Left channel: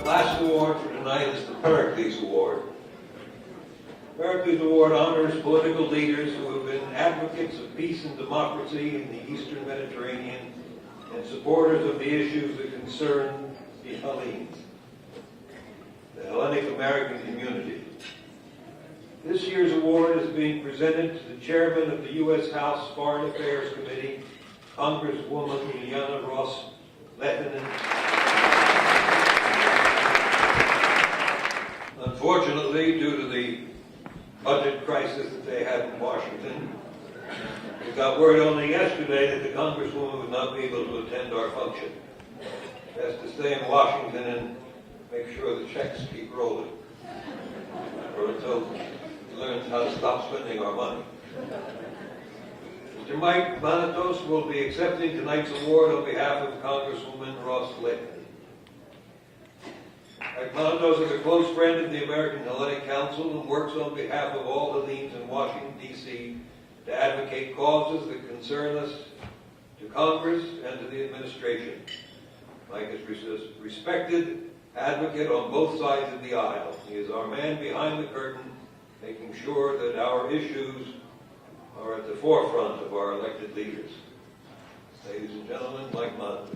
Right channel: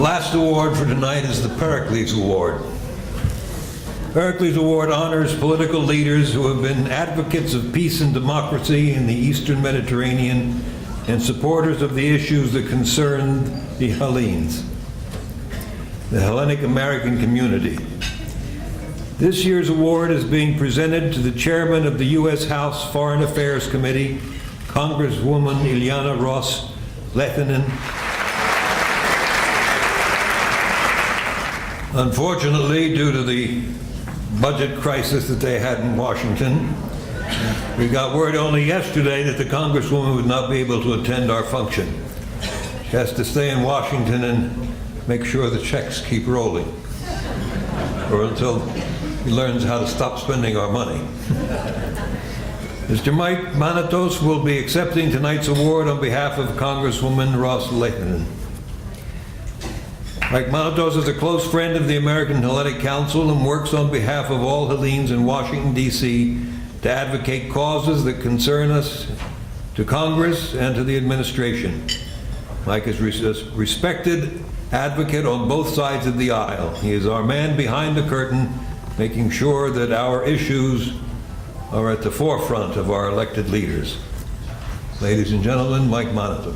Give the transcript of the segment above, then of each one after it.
Last award for tonight is the Pericles Award. Pericles Award honors political leaders who have been advocates of peace and democracy in the Eastern Mediterranean and supporters of the issues that concern the Hellenes, the Hellenic American community. This year's award is being presented to the chairman of the U.S. House Foreign Affairs Committee, Congresswoman Ileana Ros-Lehtinen. Unfortunately, due to the budget crisis that they had in Washington, we got word only yesterday that the Congresswoman would not be able to attend our function. She has to stay in Washington and make sure the checks keep rolling, or until he learns how to stop spending our money. Mr. Mike Manatos will be accepting tonight's award on behalf of Congresswoman Ros-Lehtinen. Mike Manatos is a close friend of the American Hellenic Council and works on behalf of all Hellenes in Washington, D.C. to advocate causes that concern us, to Congress, and to the administration. Mike is a respected advocate on both sides of the aisle. He is our man behind the curtain, making sure that our issues are at the forefront of our elected leaders. Ladies and gentlemen, Mike Manatos.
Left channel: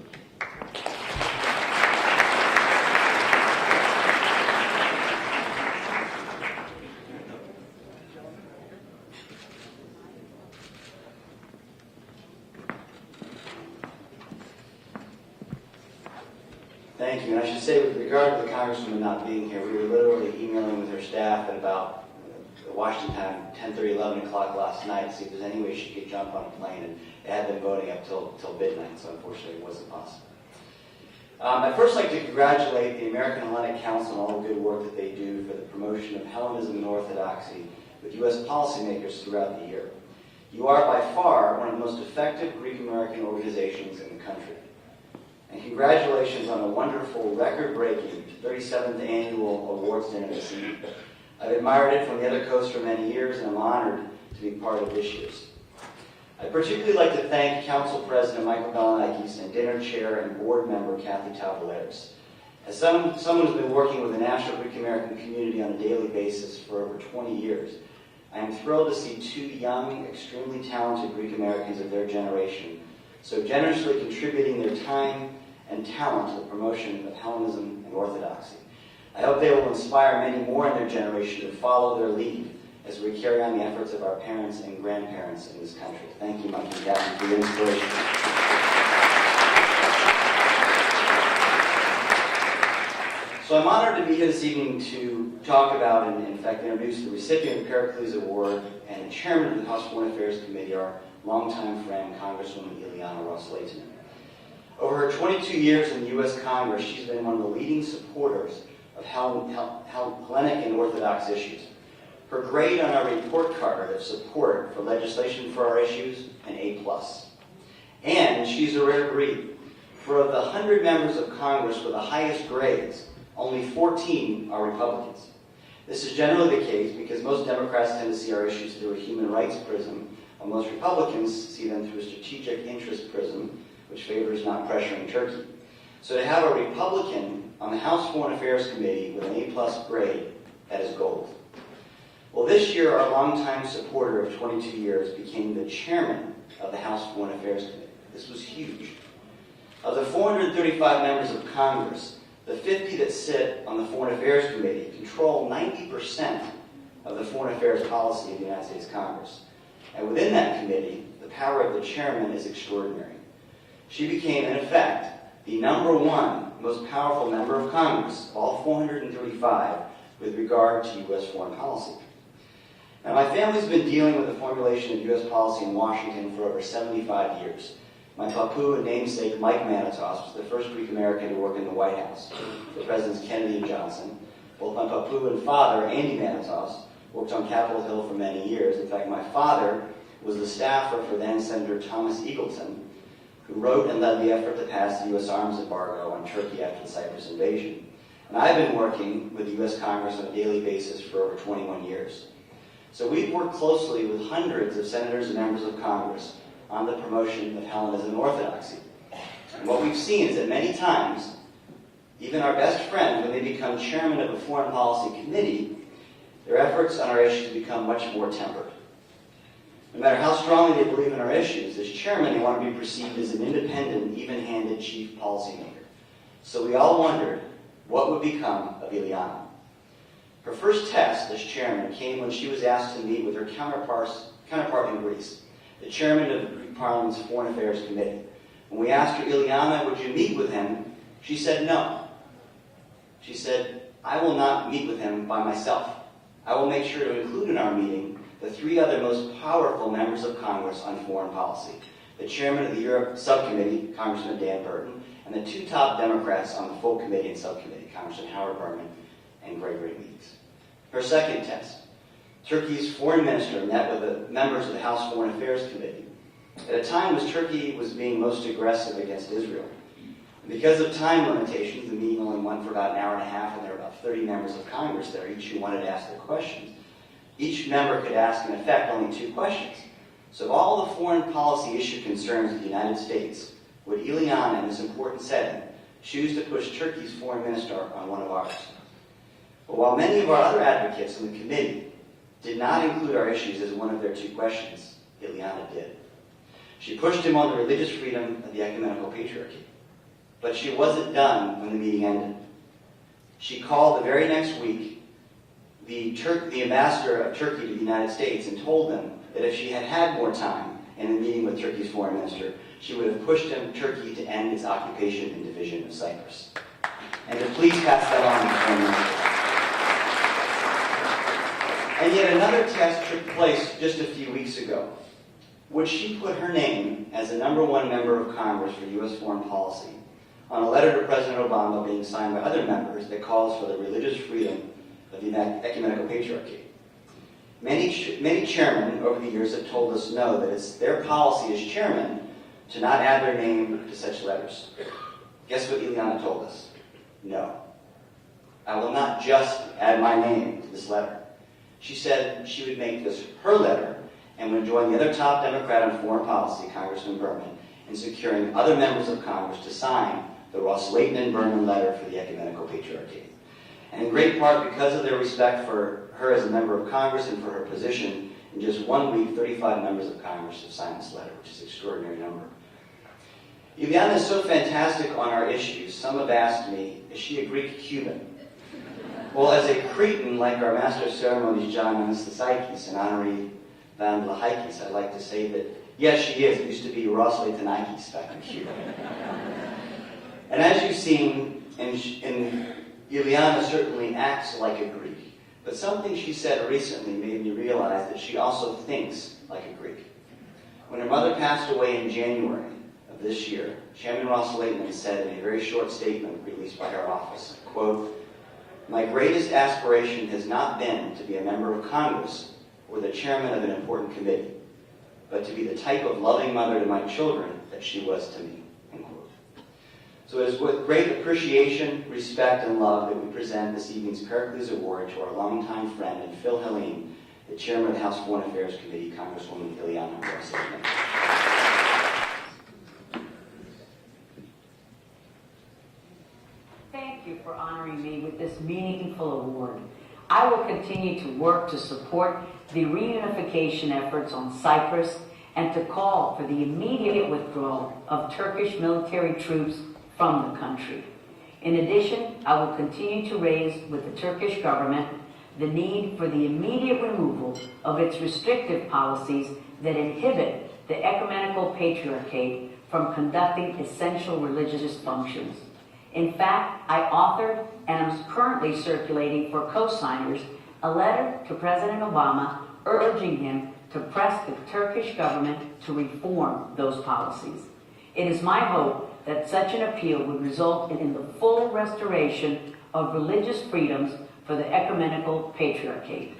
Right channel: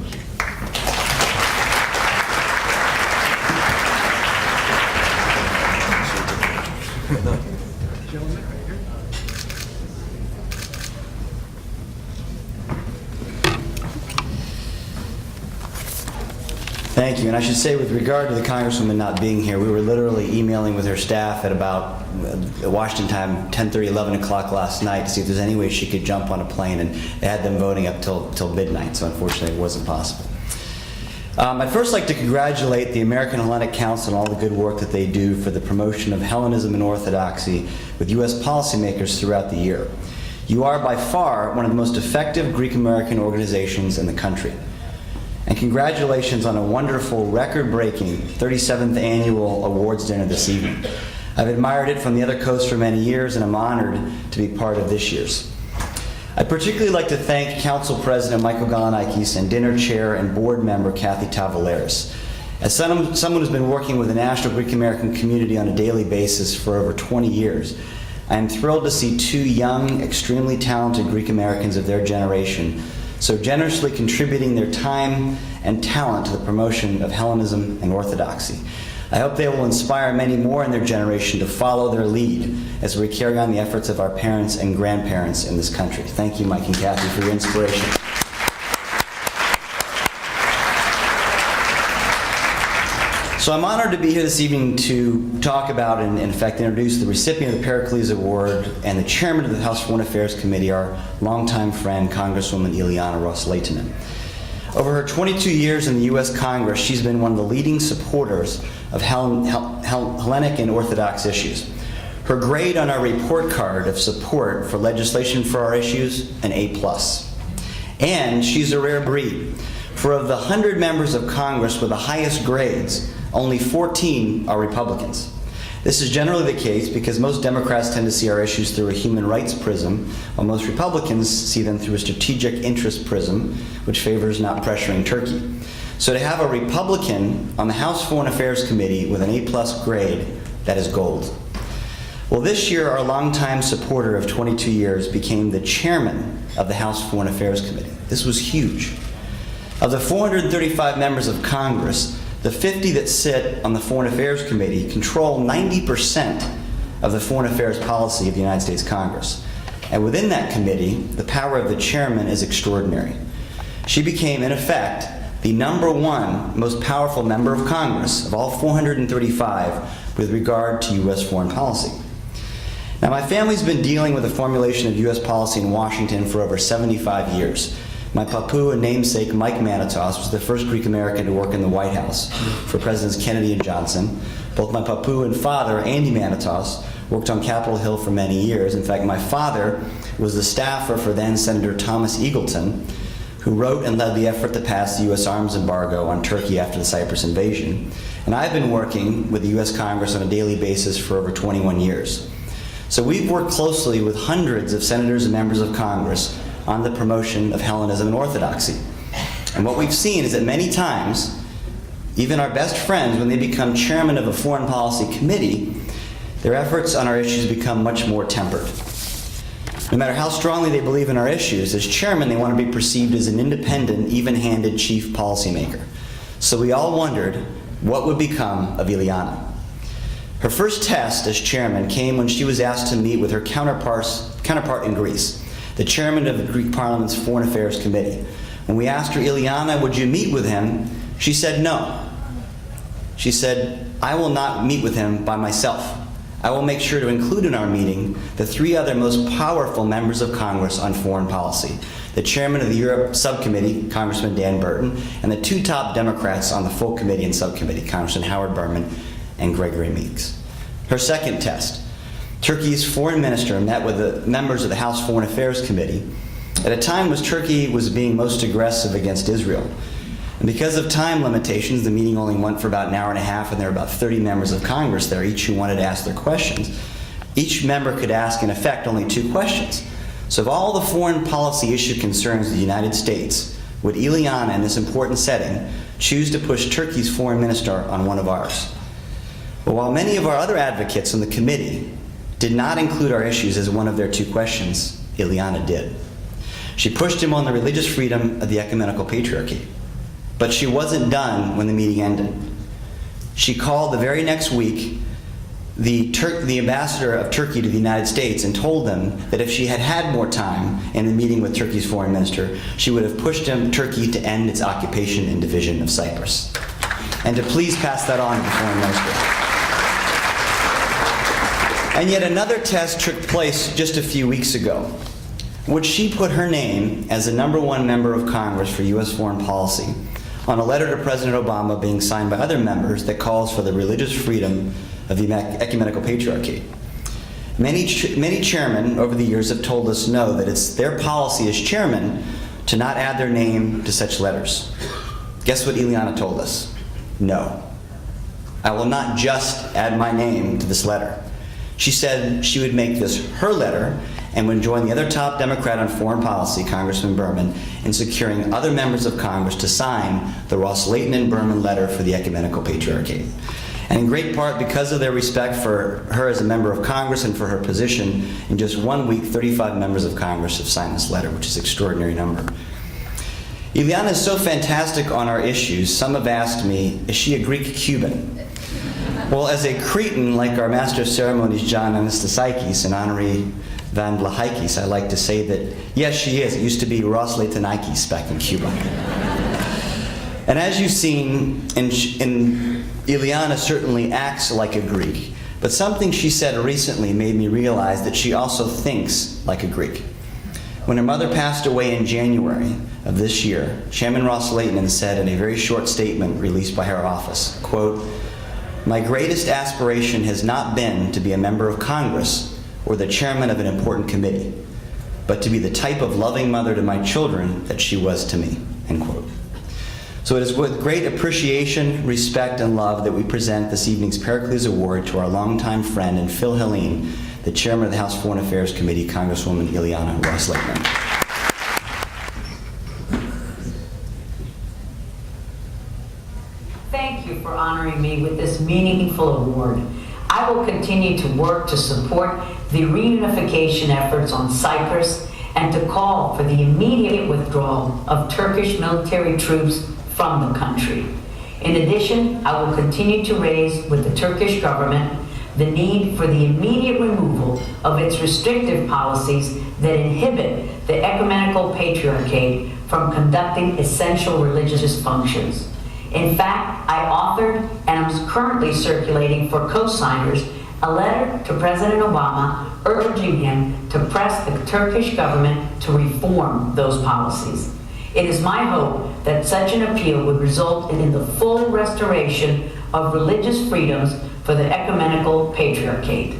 Thank you. And I should say, with regard to the Congresswoman not being here, we were literally emailing with her staff at about Washington time, 10:30, 11 o'clock last night to see if there's any way she could jump on a plane, and they had them voting up till midnight, so unfortunately it wasn't possible. I'd first like to congratulate the American Hellenic Council on all the good work that they do for the promotion of Hellenism and Orthodoxy with U.S. policymakers throughout the year. You are by far one of the most effective Greek-American organizations in the country. And congratulations on a wonderful, record-breaking 37th annual awards dinner this evening. I've admired it from the other coast for many years, and I'm honored to be part of this year's. I'd particularly like to thank Council President Michael Galanikis and Dinner Chair and Board Member Kathy Tavaleris. As someone who's been working with the national Greek-American community on a daily basis for over 20 years, I am thrilled to see two young, extremely talented Greek-Americans of their generation so generously contributing their time and talent to the promotion of Hellenism and Orthodoxy. I hope they will inspire many more in their generation to follow their lead as we carry on the efforts of our parents and grandparents in this country. Thank you, Mike and Kathy, for your inspiration. So I'm honored to be here this evening to talk about and in fact introduce the recipient of the Pericles Award and the chairman of the House Foreign Affairs Committee, our longtime friend, Congresswoman Ileana Ros-Lehtinen. Over her 22 years in the U.S. Congress, she's been one of the leading supporters of Hellenic and Orthodox issues. Her grade on our report card of support for legislation for our issues, an A+. And she's a rare breed. For of the 100 members of Congress with the highest grades, only 14 are Republicans. This is generally the case because most Democrats tend to see our issues through a human rights prism, while most Republicans see them through a strategic interest prism, which favors not pressuring Turkey. So to have a Republican on the House Foreign Affairs Committee with an A+ grade, that is gold. Well, this year, our longtime supporter of 22 years became the chairman of the House Foreign Affairs Committee. This was huge. Of the 435 members of Congress, the 50 that sit on the Foreign Affairs Committee control 90% of the foreign affairs policy of the United States Congress. And within that committee, the power of the chairman is extraordinary. She became, in effect, the #1 most powerful member of Congress of all 435 with regard to U.S. foreign policy. Now, my family's been dealing with the formulation of U.S. policy in Washington for over 75 years. My papu and namesake, Mike Manatos, was the first Greek-American to work in the White House for Presidents Kennedy and Johnson. Both my papu and father, Andy Manatos, worked on Capitol Hill for many years. In fact, my father was the staffer for then Senator Thomas Eagleton, who wrote and led the effort to pass the U.S. arms embargo on Turkey after the Cyprus invasion. And I've been working with the U.S. Congress on a daily basis for over 21 years. So we've worked closely with hundreds of senators and members of Congress on the promotion of Hellenism and Orthodoxy. And what we've seen is that many times, even our best friends, when they become chairman of a foreign policy committee, their efforts on our issues become much more tempered. No matter how strongly they believe in our issues, as chairman, they want to be perceived as an independent, even-handed chief policymaker. So we all wondered what would become of Ileana. Her first test as chairman came when she was asked to meet with her counterpart in Greece, the chairman of the Greek Parliament's Foreign Affairs Committee. When we asked her, Ileana, would you meet with him? She said no. She said, I will not meet with him by myself. I will make sure to include in our meeting the three other most powerful members of Congress on foreign policy, the chairman of the Europe Subcommittee, Congressman Dan Burton, and the two top Democrats on the full committee and subcommittee, Congressman Howard Berman and Gregory Meeks. Her second test, Turkey's foreign minister met with the members of the House Foreign Affairs Committee at a time when Turkey was being most aggressive against Israel. And because of time limitations, the meeting only went for about an hour and a half, and there were about 30 members of Congress there, each who wanted to ask their questions. Each member could ask, in effect, only 2 questions. So of all the foreign policy issue concerns of the United States, would Ileana, in this important setting, choose to push Turkey's foreign minister on one of ours? But while many of our other advocates on the committee did not include our issues as one of their 2 questions, Ileana did. She pushed him on the religious freedom of the ecumenical patriarchy. But she wasn't done when the meeting ended. She called the very next week the ambassador of Turkey to the United States and told them that if she had had more time in the meeting with Turkey's foreign minister, she would have pushed Turkey to end its occupation and division of Cyprus. And to please pass that on to the foreign minister. And yet another test took place just a few weeks ago. Would she put her name as the #1 member of Congress for U.S. foreign policy on a letter to President Obama being signed by other members that calls for the religious freedom of the ecumenical patriarchy? Many chairmen over the years have told us no, that it's their policy as chairman to not add their name to such letters. Guess what Ileana told us? No. I will not just add my name to this letter. She said she would make this her letter and would join the other top Democrat on foreign policy, Congressman Berman, in securing other members of Congress to sign the Ros-Lehtinen Berman letter for the ecumenical patriarchy. And in great part because of their respect for her as a member of Congress and for her position, in just 1 week, 35 members of Congress have signed this letter, which is an extraordinary number. Ileana is so fantastic on our issues, some have asked me, is she a Greek Cuban? Well, as a Cretan, like our Master of Ceremonies, John Anastasakis and Honoree Van Vlahikis, I like to say that, yes, she is. It used to be Ros-Lehtinen back in Cuba. And as you've seen, Ileana certainly acts like a Greek, but something she said recently made me realize that she also thinks like a Greek. When her mother passed away in January of this year, Chairman Ros-Lehtinen said in a very short statement released by her office, quote, "My greatest aspiration has not been to be a member of Congress or the chairman of an important committee, but to be the type of loving mother to my children that she was to me," end quote. So it is with great appreciation, respect, and love that we present this evening's Pericles Award to our longtime friend and Phil Helene, the chairman of the House Foreign Affairs Committee, Congresswoman Ileana Ros-Lehtinen. Thank you for honoring me with this meaningful award. I will continue to work to support the reunification efforts on Cyprus and to call for the immediate withdrawal of Turkish military troops from the country. In addition, I will continue to raise with the Turkish government the need for the immediate removal of its restrictive policies that inhibit the ecumenical patriarchate from conducting essential religious functions. In fact, I authored and am currently circulating for co-signers a letter to President Obama urging him to press the Turkish government to reform those policies. It is my hope that such an appeal would result in the full restoration of religious freedoms for the ecumenical patriarchate.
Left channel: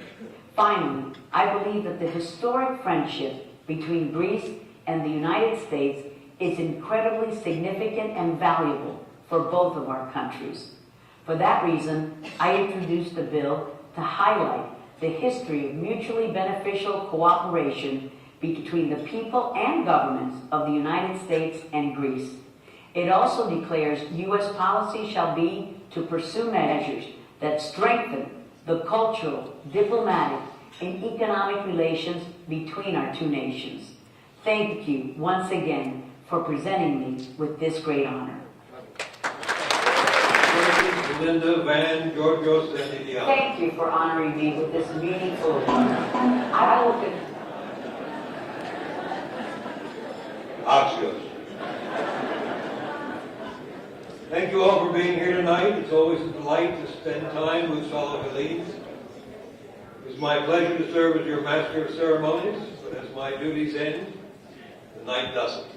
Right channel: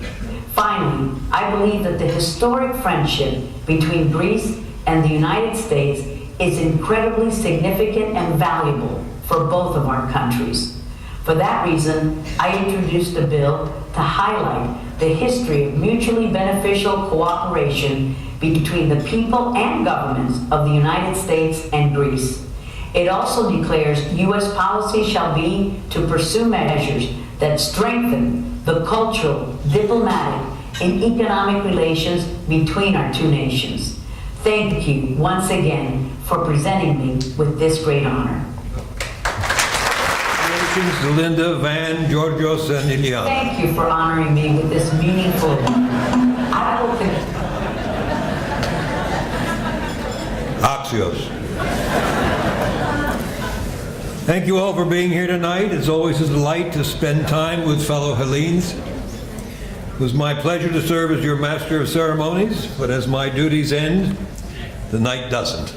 Finally, I believe that the historic friendship between Greece and the United States is incredibly significant and valuable for both of our countries. For that reason, I introduced a bill to highlight the history of mutually beneficial cooperation between the people and governments of the United States and Greece. It also declares U.S. policy shall be to pursue measures that strengthen the cultural, diplomatic, and economic relations between our two nations. Thank you once again for presenting me with this great honor. Congratulations to Linda, Van, Georgios, and Ileana. Thank you for honoring me with this meaningful award. I will Axios. Thank you all for being here tonight. It's always a delight to spend time with fellow Hellenes. It was my pleasure to serve as your Master of Ceremonies, but as my duties end, the night doesn't.